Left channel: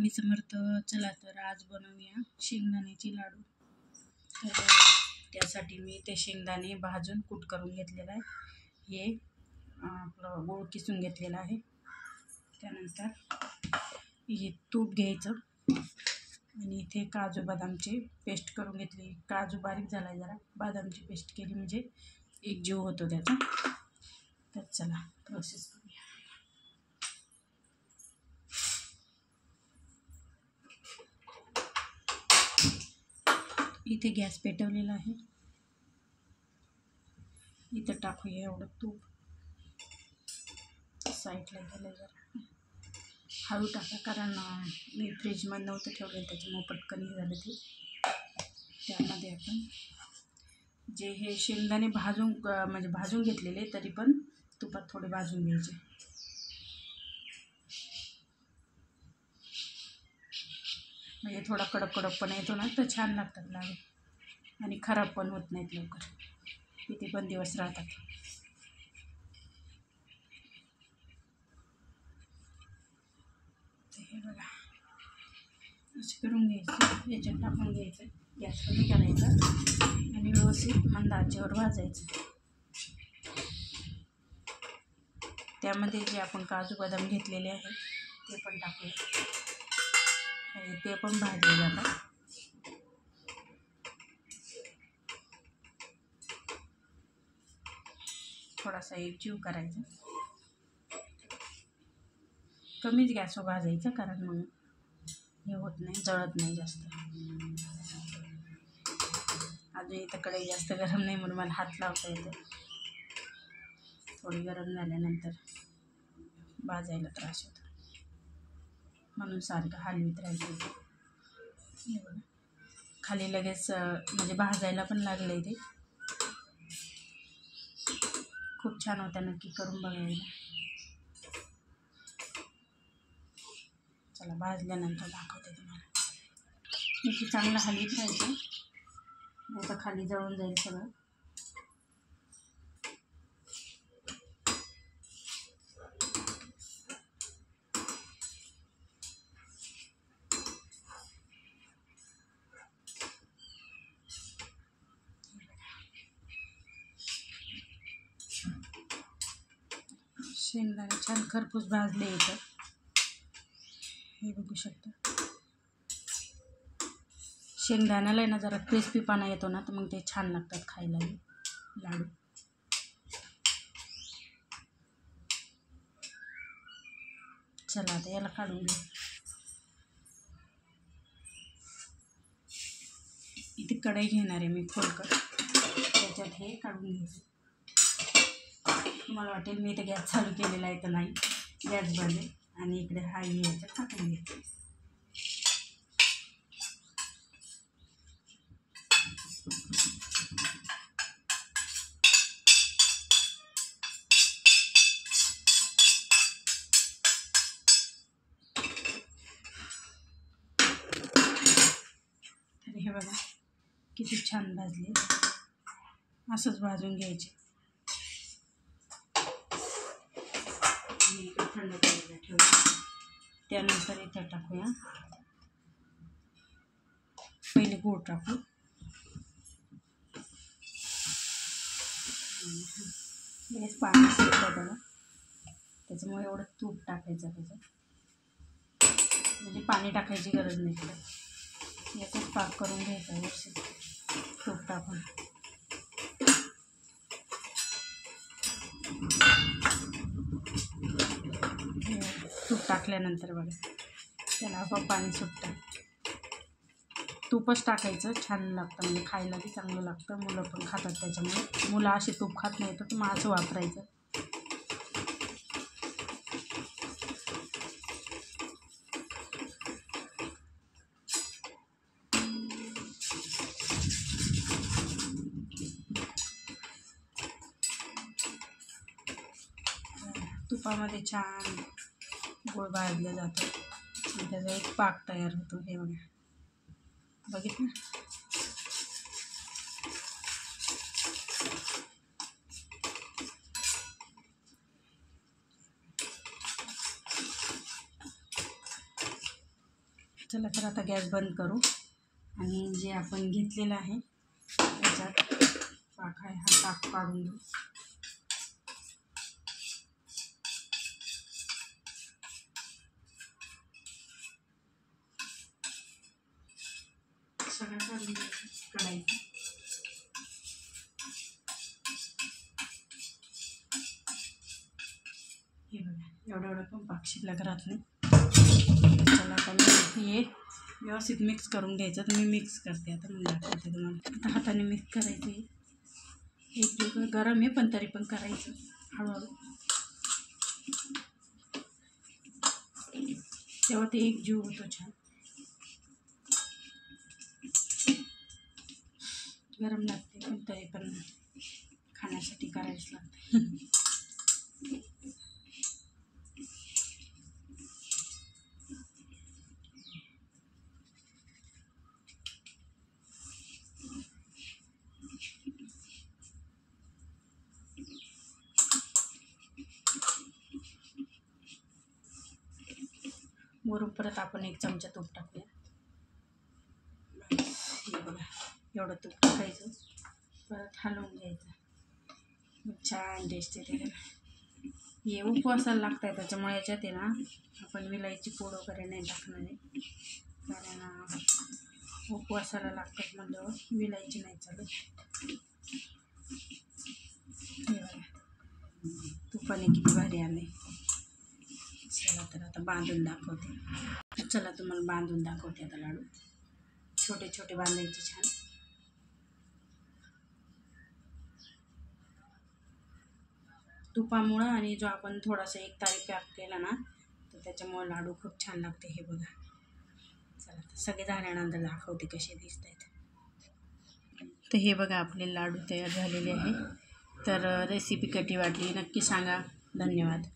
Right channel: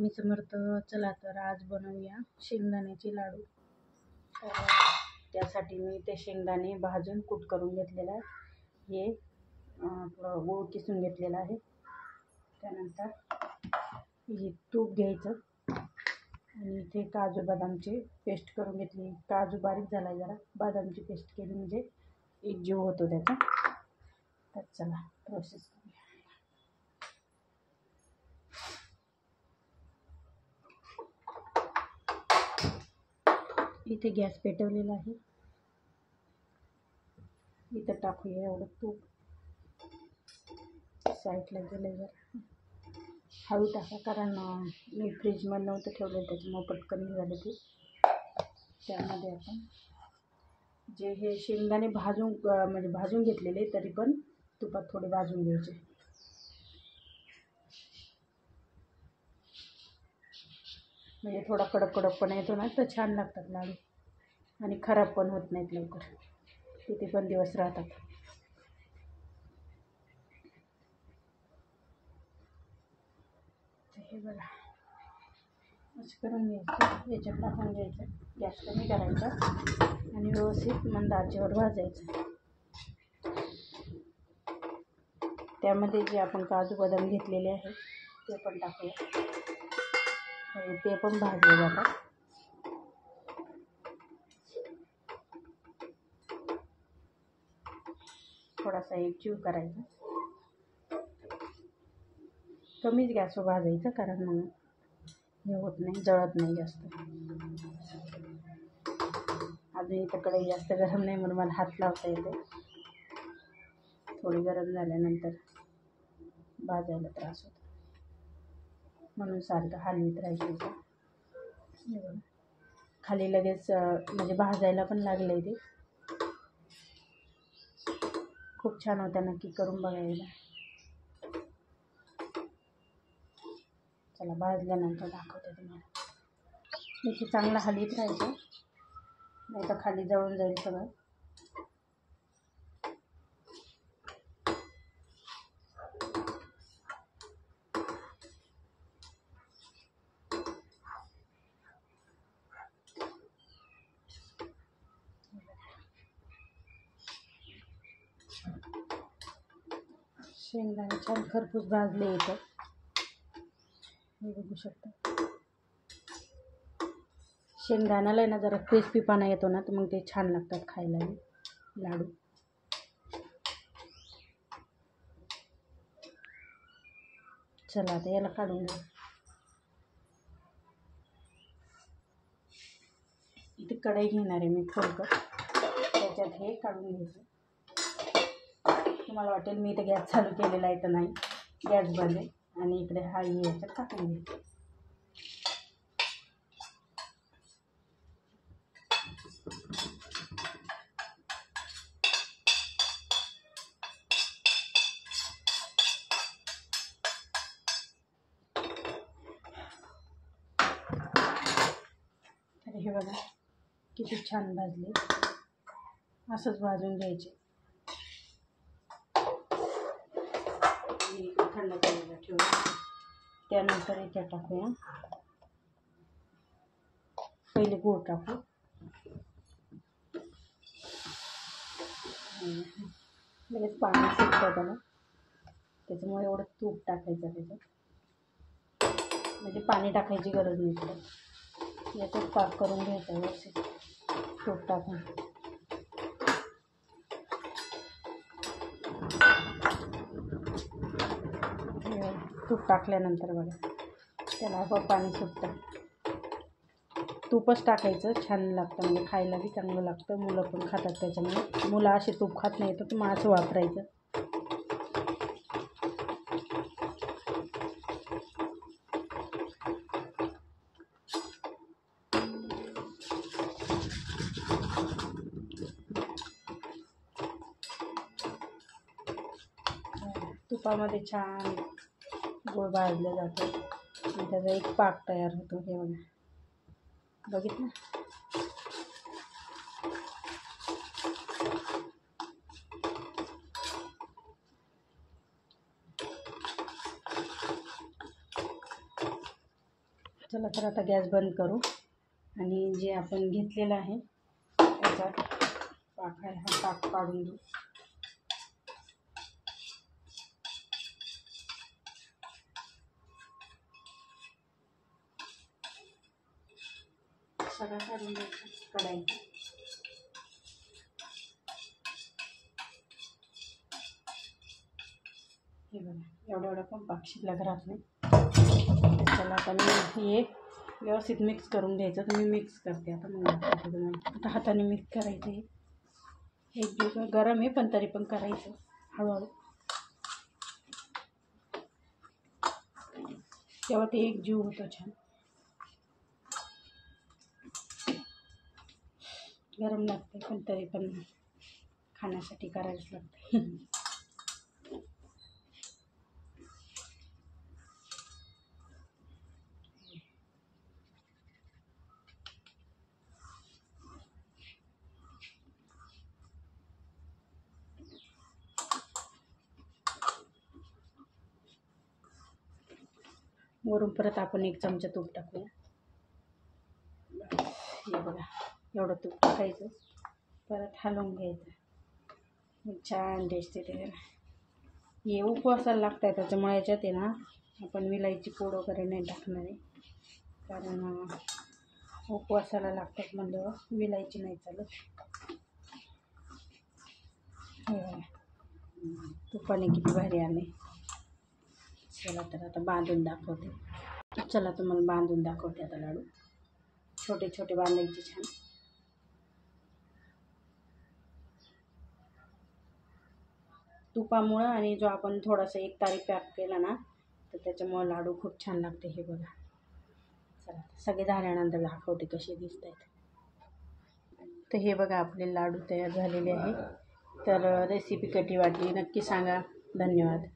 स्वामी समर्थ. चला तर आज बनवूया शेंगदाण्याचे लाडू. तर त्यासाठी मी ते शेंगदाणे भाजून कूट करून घेतलेला आहे. हे आपलं गूळ किसून घेतलेला आहे. त्यानंतर हे तूप घ्यायचं आणि इथे काजू बदामची पेस्ट करून घेतली. काजू बारीक झाला जरा, बदामची पेस्ट केली म्हणजे एक जीव होतो त्याचा. तर चला प्रोसेस करूया. इथे गॅस पेटवलेला आहे. इथं टाकूया एवढं तूप. साईडला गेलं जरा, हळू टाका कारण मी फ्रीजमध्ये नव्हतं ठेवलं, त्याच्यामुळे पटकन झालं ते. त्यामध्ये आपण जे हे शेंगदाणे भाजून घेतलेले, तरी पण तुपात थोडे भाजून घ्यायचे. म्हणजे थोडा कडकपणा येतो ना, तर छान लागतात लाडू आणि खराब पण होत नाहीत लवकर, किती पण दिवस राहतात. हे बघा असं करून घ्यायचं. याच्यात टाकून घ्यायचं, गॅस कमी करायचा आणि व्यवस्थित मंद आचेवर भाजायचं. त्यामध्ये जे आपण काजू बदाम घेतलेले आहे ते पण टाकूया. ते पण भाजले जातात. थोडासा एकजीव करायचा. कमीच गॅसवर भाजायचं कारण मग हे होत नाही, जळत नाही जास्त. अजून इथं कढई जास्त गरम नाही म्हणून मला हात लावता येते. थोडी गरम झाल्यानंतर भाजायला त्रास होतो, म्हणून सारखं हलवीत राहायचं. खाली लगेच म्हणजे भाजायला पण लागलं ते. खूप छान होतं, नक्की करून बघायला. चला भाजल्यानंतर दाखवते तुम्हाला. इथे चांगलं हलवीत राहायचं, नाही तर खाली जळून जाईल सगळं. शेंगदाणे छान खरपूस भाजले इथं, हे बघू शकता. शेंगदाण्याला ना जरा क्रिस्पीपणा येतो ना, तर मग ते छान लागतात खायला लाडू. चला आता याला काढून घेऊ. इथे कढई घेणार आहे मी खोलकर, त्याच्यात हे काढून घ्यायचं. तुम्हाला वाटेल मी इथे गॅस चालू केलेला आहे, तर नाही, गॅस बंद आहे. आणि इकडे हा याच्यात टाकून घ्यायचं. तर हे बघा किती छान भाजले. असंच भाजून घ्यायचे. थंड करायला ठेवूया. त्यानंतर इथे टाकूया, पहिले गूळ टाकू. लगेच पाणी सुटतं त्याला, त्याच्यामुळे एवढं तूप टाकायचं त्याच्यात. म्हणजे पाणी टाकायची गरज नाही पडत. याचाच पाक करून घ्यायचा व्यवस्थित तूप टाकून. तूप टाकल्यानंतर बघा त्याला आपोआप पाणी सुटतं. तूपच टाकायचं, छान लागतं, म्हणजे खायला बी चांगलं लागतं. मुलं पण खातात, त्याच्यामुळे मुलं असे तूप खात नाही तर मग असं वापरायचं. तुपामध्ये छान गोड भाजलं जातं आणि त्याचा एक पाक तयार होतो. हे बघा, बघितलं. चला तर आता गॅस बंद करू आणि जे आपण घेतलेलं आहे त्याच्यात पाक आहे हा पाक काढून घेऊ. सगळं काढून घ्यायचं कढाईत. हे बघा एवढा एवढा पण पाक शिल्लक राहत नाही. चला आता मी हे व्यवस्थित मिक्स करून घ्यायचं. तर मी मिक्स करते आता, मग दाखवते तुम्हाला. आता हाताने मिक्स करायचं. हे एक जीव गरम आहे पण तरी पण करायचं हळूहळू, तेव्हा ते एक जीव होतो छान. गरम लागते पण तरी पण खाण्यासाठी करायच लागते. वरून परत आपण 1 चमचा तूप टाकूया. हे बघा एवढं तूप टाकायचं, परत हलवून घ्यायचं. छान टेस्ट येते. हे उपवासाला लागत आहे त्याच्यामुळे याच्यात आहे ना आपण विलायची पूड वगैरे नाही टाकणार आहे, कारण उपवासाला लागतात म्हणल्यावर विलायची नाही चालत. हे बघा तुपाने किती भारी आले. चला तर आता बांधून दाखवते. चला तुम्हाला बांधून दाखवते आता लाडू. छोटे छोटे बांधायचे छान. तुपामुळं आणि जो आपण थोडासा 1 तारी पॅक केला ना तर त्याच्यामुळं लाडू खूप छान लागते. हे बघा. चला सगळे झाल्यानंतर दाखवते कसे दिसत आहेत. तर हे बघा आपले लाडू तयार झालेले आहे. तर रेसिपी कशी वाटली नक्की सांगा. धन्यवाद.